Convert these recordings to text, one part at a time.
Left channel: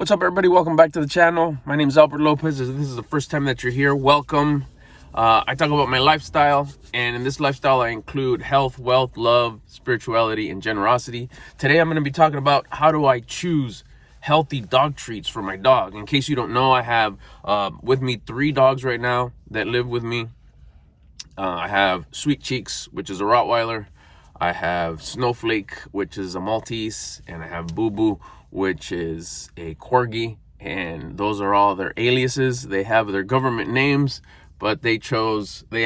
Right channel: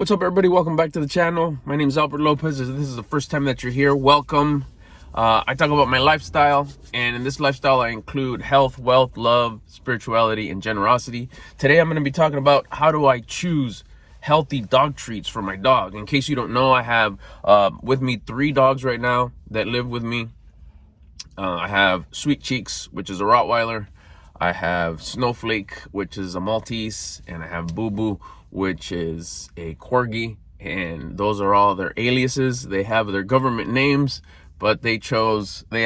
What's up, everybody? Welcome back to the channel. My name is Albert Lopez. If this is the first time that you're here, welcome. I talk about my lifestyle, and in this lifestyle I include health, wealth, love, spirituality, and generosity. Today I'm going to be talking about how do I choose healthy dog treats for my dog. In case you don't know, I have with me 3 dogs right now that live with me. I have Sweet Cheeks, which is a Rottweiler. I have Snowflake, which is a Maltese, and I have Boo Boo, which is a Corgi. And those are all their aliases. They have their government names, but they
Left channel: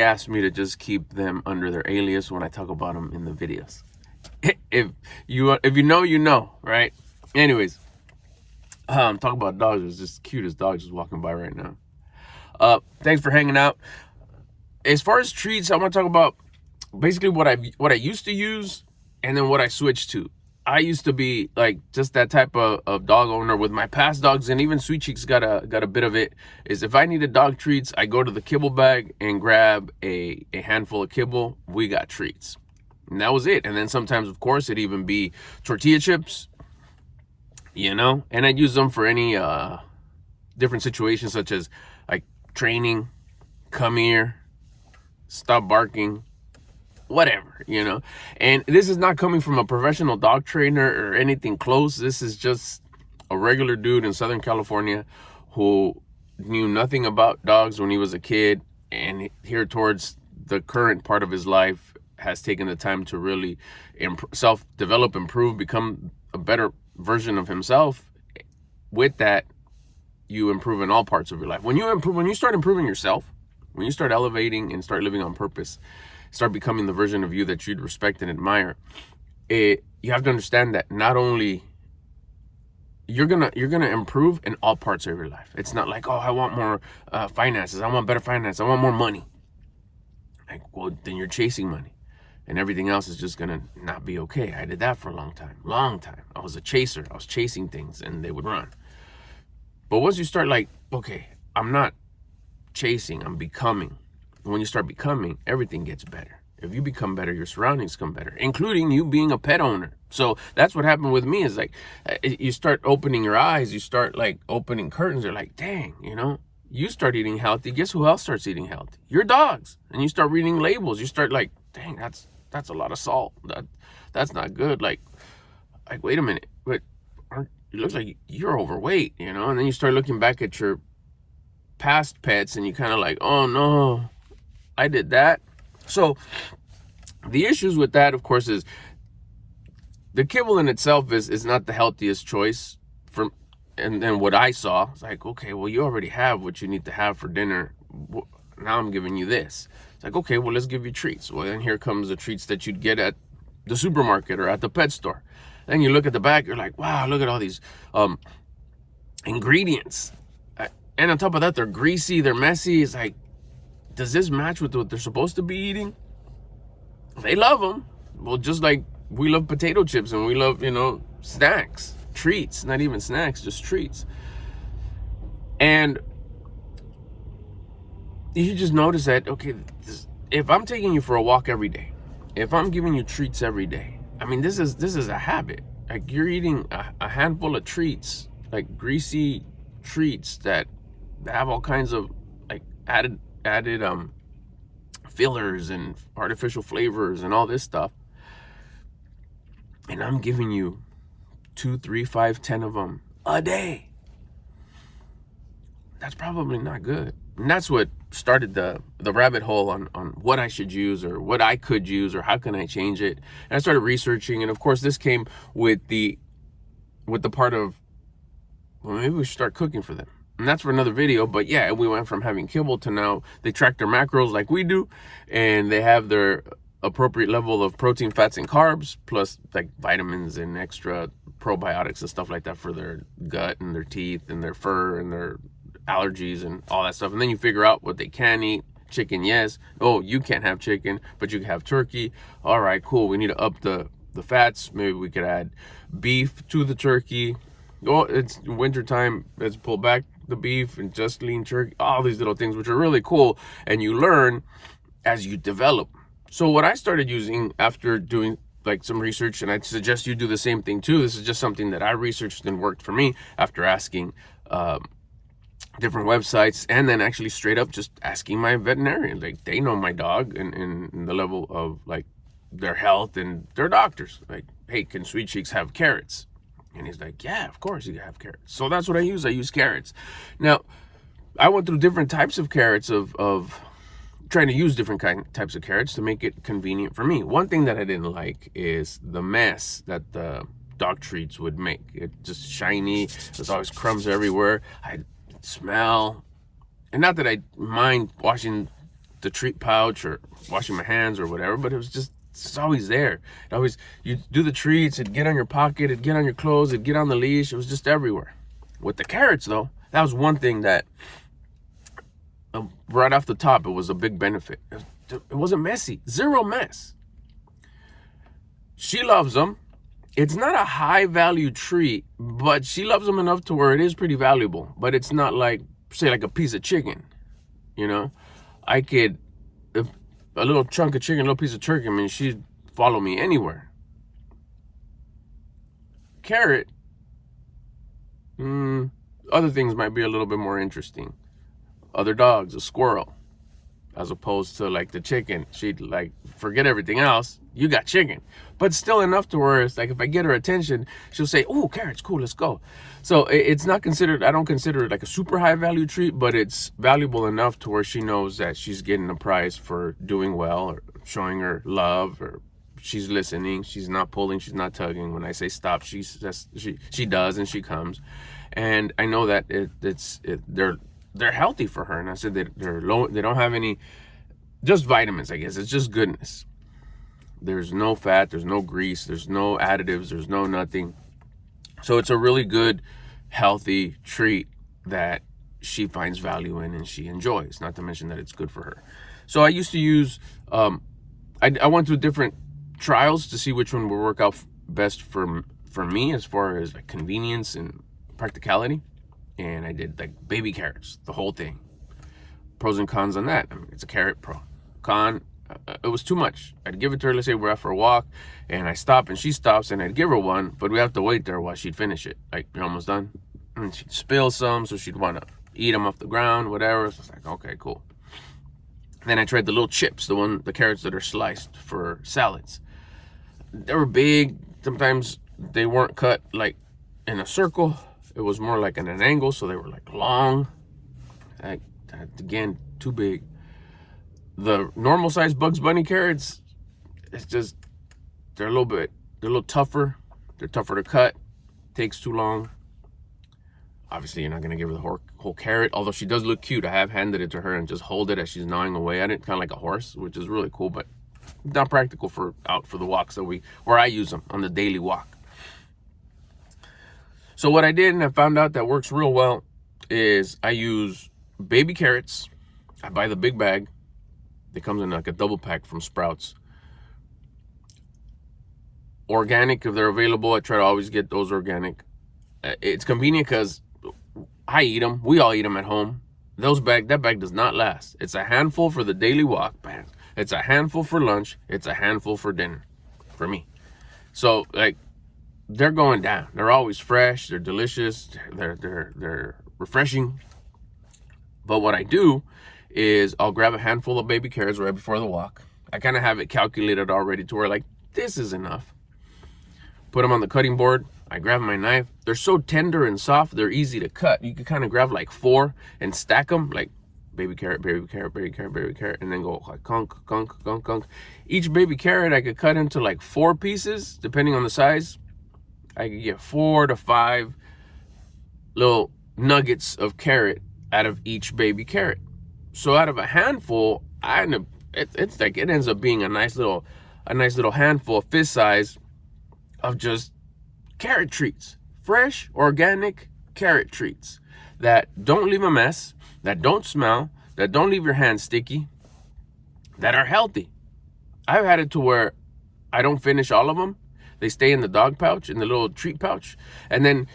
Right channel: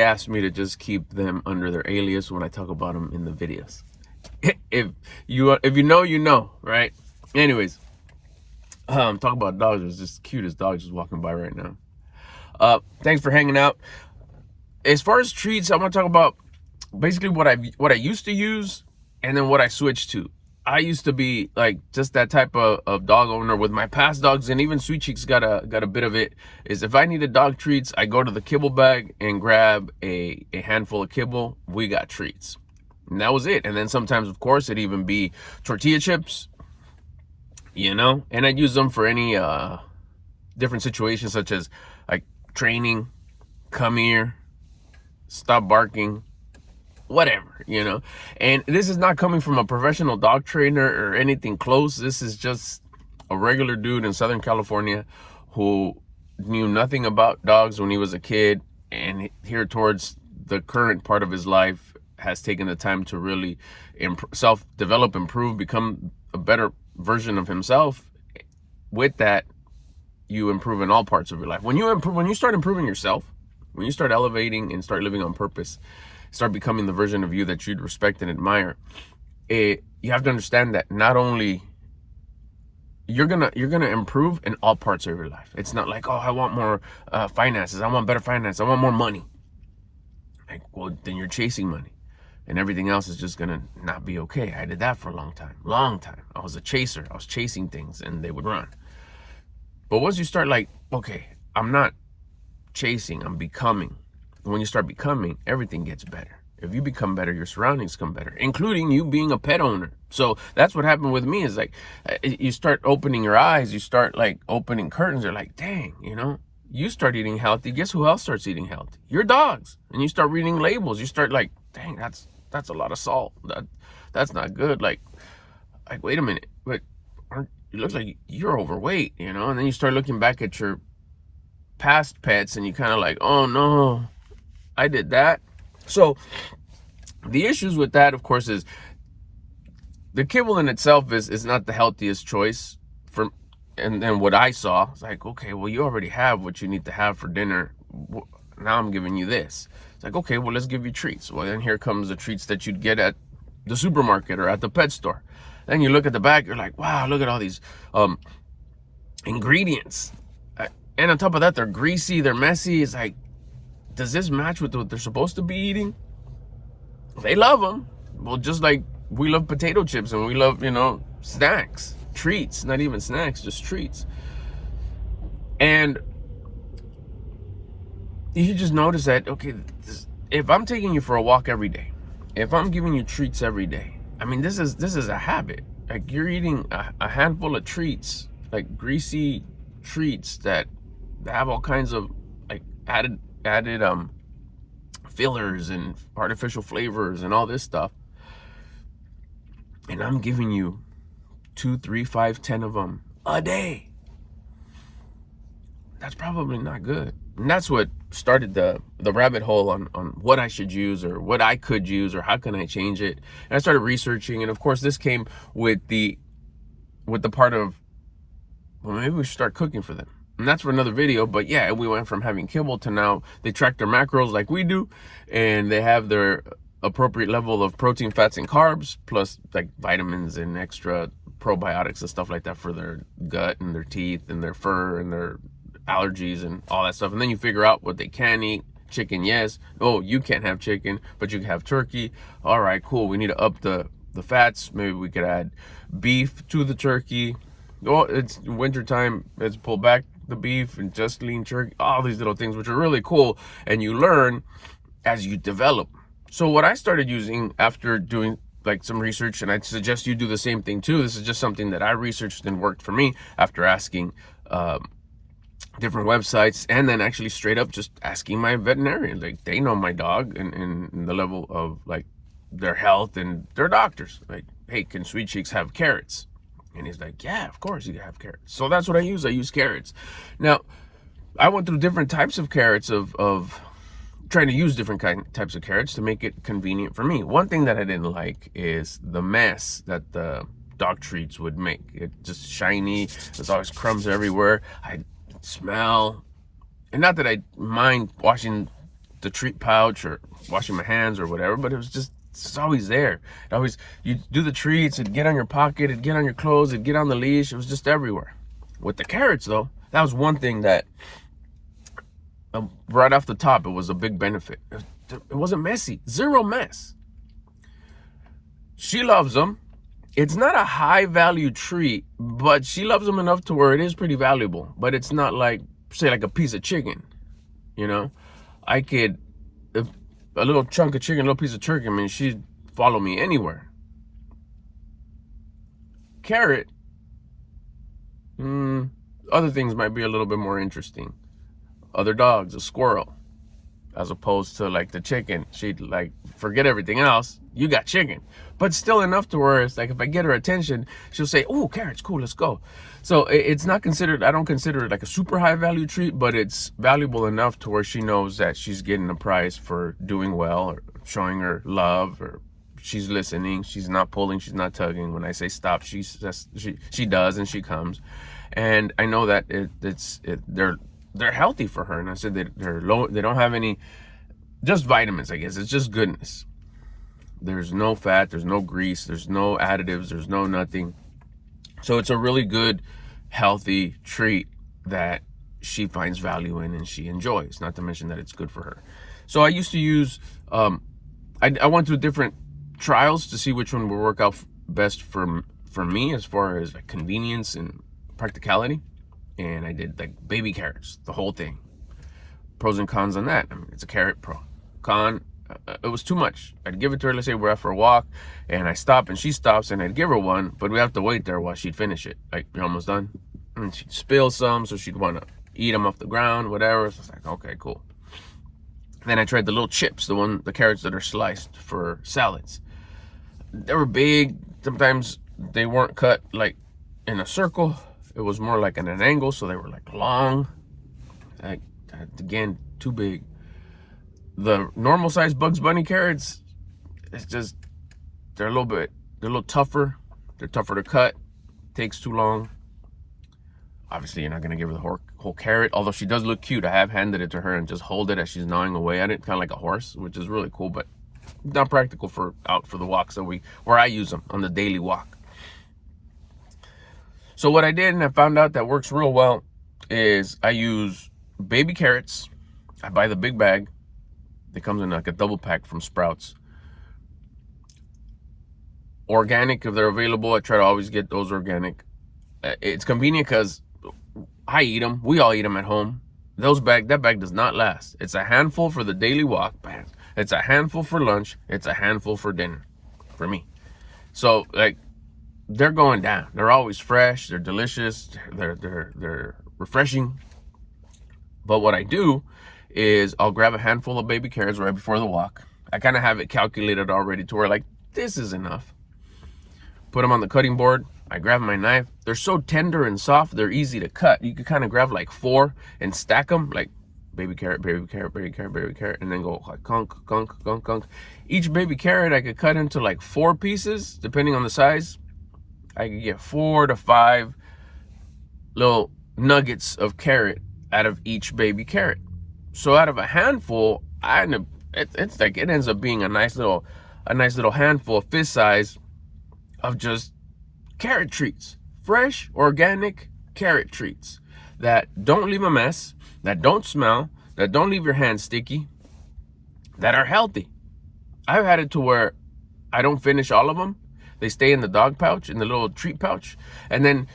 asked me to just keep them under their alias when I talk about them in the videos. If you know, you know, right? Anyways, talk about dogs. There's just the cutest dog just walking by right now. Thanks for hanging out. As far as treats, I want to talk about basically what I used to use and then what I switched to. I used to be like just that type of dog owner with my past dogs, and even Sweet Cheeks got a bit of it. Is if I needed dog treats, I go to the kibble bag and grab a handful of kibble. We got treats, and that was it. And then sometimes, of course, it'd even be tortilla chips, and I'd use them for any different situations, such as like training, come here, stop barking, whatever, and this is not coming from a professional dog trainer or anything close. This is just a regular dude in Southern California who knew nothing about dogs when he was a kid, and here towards the current part of his life has taken the time to really self-develop, improve, become a better version of himself. With that, you improve in all parts of your life. When you start improving yourself, when you start elevating and start living on purpose, start becoming the version of you that you'd respect and admire, you have to understand that not only you're gonna improve in all parts of your life. It's not like, oh, I want more finances, I want better finance, I want more money. Like, well, then you're chasing money, and everything else is just gonna not be okay. I did that for a long time. I was a chaser. I was chasing things, and they would run. But once you start like, okay, I'm not chasing, I'm becoming. When you start becoming, everything gets better. If you become better, your surroundings come better, including you being a pet owner. So that's what happened with me, is like, you start opening your eyes, you start like opening curtains. They're like, dang, you start eating healthy. Guess who else starts eating healthy? Your dogs. And you start reading labels. You start like, dang, that's a lot of salt. That's not good. Like, wait a minute, but it looks like you're overweight, and then you start looking back at your past pets, and you kind of like, oh no, I did that. So the issues with that, of course, is the kibble in itself is not the healthiest choice for, and then what I saw, it's like, okay, well, you already have what you need to have for dinner. Now I'm giving you this. It's like, okay, well, let's give you treats. Well, then here comes the treats that you'd get at the supermarket or at the pet store. Then you look at the back, you're like, wow, look at all these ingredients. And on top of that, they're greasy, they're messy. It's like, does this match with what they're supposed to be eating? They love them. Well, just like we love potato chips and we love, snacks, treats, not even snacks, just treats. And you just notice that, okay, if I'm taking you for a walk every day, if I'm giving you treats every day, I mean, this is a habit. Like, you're eating a handful of treats, like greasy treats that have all kinds of like added fillers and artificial flavors and all this stuff, and I'm giving you 2, 3, 5, 10 of them a day. That's probably not good. And that's what started the rabbit hole on what I should use or what I could use or how can I change it. And I started researching, and of course this came with the part of, well, maybe we should start cooking for them. And that's for another video. But yeah, we went from having kibble to now they track their macros like we do, and they have their appropriate level of protein, fats, and carbs, plus like vitamins and extra probiotics and stuff like that for their gut and their teeth and their fur and their allergies and all that stuff. And then you figure out what they can eat. Chicken, yes. Oh, you can't have chicken, but you can have turkey. All right, cool. We need to up the fats. Maybe we could add beef to the turkey. Oh, it's winter time. Let's pull back the beef and just lean turkey. All these little things, which are really cool, and you learn as you develop. So what I started using after doing like some research, and I'd suggest you do the same thing too. This is just something that I researched and worked for me after asking different websites, and then actually straight up just asking my veterinarian. Like, they know my dog and the level of like their health, and their doctors. Like, hey, can Sweet Cheeks have carrots? And he's like, yeah, of course you can have carrots. So that's what I use. I use carrots. Now, I went through different types of carrots of trying to use different types of carrots to make it convenient for me. One thing that I didn't like is the mess that the dog treats would make. It just shiny. There's always crumbs everywhere. I smell. And not that I mind washing the treat pouch or washing my hands or whatever, but it's always there. It always, you do the treats, it'd get on your pocket, it'd get on your clothes, it'd get on the leash. It was just everywhere. With the carrots though, that was one thing that right off the top, it was a big benefit. It wasn't messy. Zero mess. She loves them. It's not a high value treat, but she loves them enough to where it is pretty valuable. But it's not like, say, like a piece of chicken. You know, I could, a little chunk of chicken, a little piece of turkey, I mean, she'd follow me anywhere. Carrot, other things might be a little bit more interesting. Other dogs, a squirrel, as opposed to like the chicken. She'd like, forget everything else, you got chicken. But still enough to where it's like, if I get her attention, she'll say, oh, carrots, cool, let's go. So it's not considered, I don't consider it like a super high value treat, but it's valuable enough to where she knows that she's getting a prize for doing well, or showing her love, or she's listening, she's not pulling, she's not tugging. When I say stop, she does, and she comes. And I know that they're healthy for her. And I said they're low, they don't have any, just vitamins, I guess. It's just goodness. There's no fat, there's no grease, there's no additives, there's no nothing. So it's a really good, healthy treat that she finds value in and she enjoys, not to mention that it's good for her. So I used to use, I went through different trials to see which one would work out best for me as far as like convenience and practicality. And I did like baby carrots, the whole thing. Pros and cons on that. I mean, it's a carrot. Pro. Con, it was too much. I'd give it to her, let's say we're out for a walk, and I stop and she stops, and I'd give her one, but we have to wait there while she'd finish it. Like, you're almost done. And she'd spill some, so she'd want to eat them off the ground, whatever. So it's like, okay, cool. Then I tried the little chips, the carrots that are sliced for salads. They were big. Sometimes they weren't cut like in a circle. It was more like at an angle, so they were like long. Again, too big. The normal size Bugs Bunny carrots, it's just, they're a little tougher. They're tougher to cut. Takes too long. Obviously, you're not gonna give her the whole carrot, although she does look cute. I have handed it to her and just hold it as she's gnawing away at it, kind of like a horse, which is really cool, but not practical for out for the walks that where I use them on the daily walk. So what I did, and I found out that works real well, is I use baby carrots. I buy the big bag. It comes in like a double pack from Sprouts. Organic, if they're available. I try to always get those organic. It's convenient because I eat them. We all eat them at home. That bag does not last. It's a handful for the daily walk. Bam. It's a handful for lunch. It's a handful for dinner, for me. So like, they're going down. They're always fresh. They're delicious. They're refreshing. But what I do is I'll grab a handful of baby carrots right before the walk. I kind of have it calculated already to where like, this is enough. Put them on the cutting board. I grab my knife. They're so tender and soft, they're easy to cut. You could kind of grab like 4 and stack them, like baby carrot, baby carrot, baby carrot, baby carrot, and then go like gunk, gunk, gunk, gunk. Each baby carrot I could cut into like 4 pieces, depending on the size. I could get 4 to 5 little nuggets of carrot out of each baby carrot. So out of a handful, it's like it ends up being a nice little handful of fist size of just carrot treats. Fresh, organic carrot treats that don't leave a mess, that don't smell, that don't leave your hands sticky, that are healthy. I've had it to where I don't finish all of them. They stay in the dog pouch, in the little treat pouch. And then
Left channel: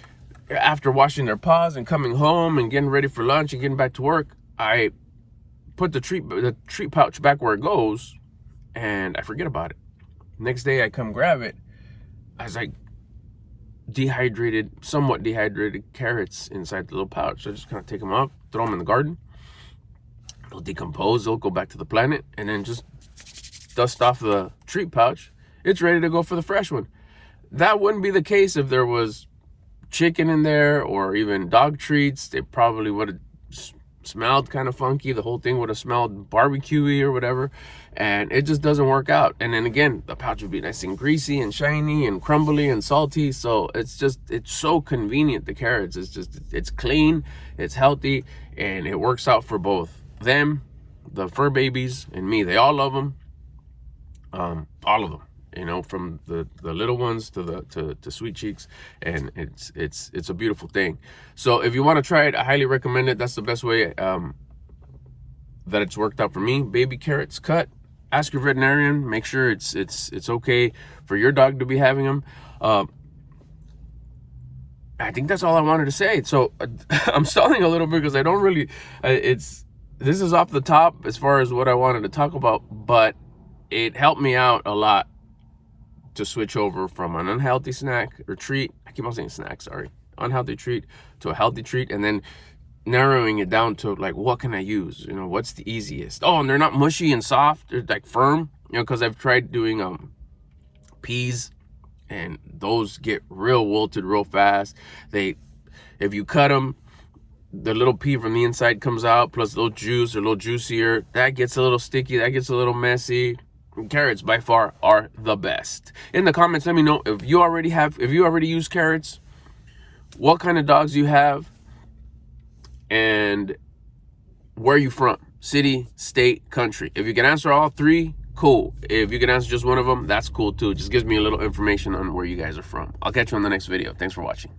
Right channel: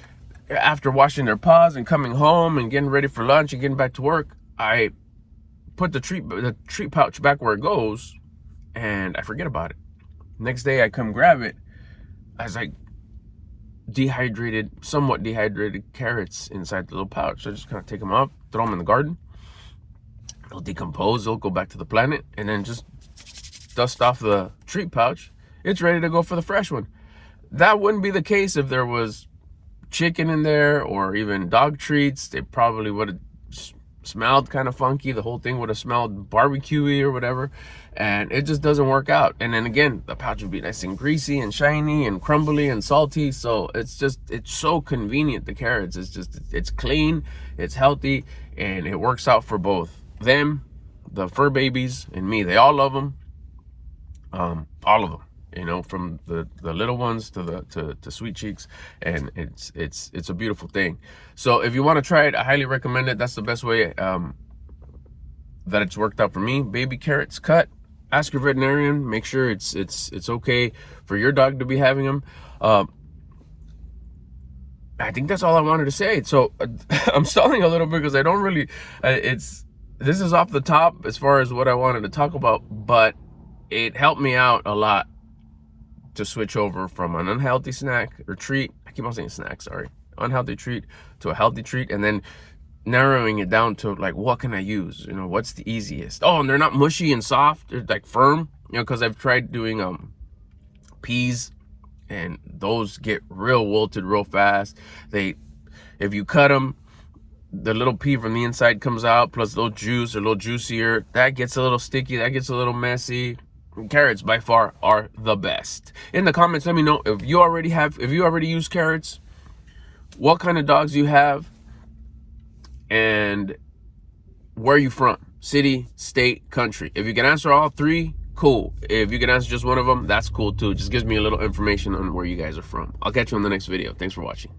after washing their paws and coming home and getting ready for lunch and getting back to work, I put the treat pouch back where it goes, and I forget about it. Next day I come grab it. I was like, somewhat dehydrated carrots inside the little pouch. So I just kind of take them up, throw them in the garden. They'll decompose, they'll go back to the planet, and then just dust off the treat pouch. It's ready to go for the fresh one. That wouldn't be the case if there was chicken in there or even dog treats. They probably would have smelled kind of funky. The whole thing would have smelled barbecue-y or whatever, and it just doesn't work out. And then again, the pouch would be nice and greasy and shiny and crumbly and salty. So it's so convenient. The carrots, it's clean, it's healthy, and it works out for both them, the fur babies, and me. They all love them. All of them, you know, from the little ones to Sweet Cheeks, and it's a beautiful thing. So if you want to try it, I highly recommend it. That's the best way that it's worked out for me. Baby carrots cut. Ask your veterinarian. Make sure it's okay for your dog to be having them. I think that's all I wanted to say. So I'm stalling a little bit because I don't really. This is off the top as far as what I wanted to talk about, but it helped me out a lot to switch over from an unhealthy snack or treat. I keep on saying snack, sorry. Unhealthy treat to a healthy treat, and then narrowing it down to like, what can I use? You know, what's the easiest? Oh, and they're not mushy and soft. They're like firm, you know, because I've tried doing peas, and those get real wilted real fast. If you cut them, the little pea from the inside comes out, plus a little juice, or a little juicier. That gets a little sticky, that gets a little messy. Carrots by far are the best. In the comments, let me know if you already use carrots, what kind of dogs you have, and where you from, city, state, country. If you can answer all three, cool. If you can answer just one of them, that's cool too. Just gives me a little information on where you guys are from. I'll catch you on the next video. Thanks for watching.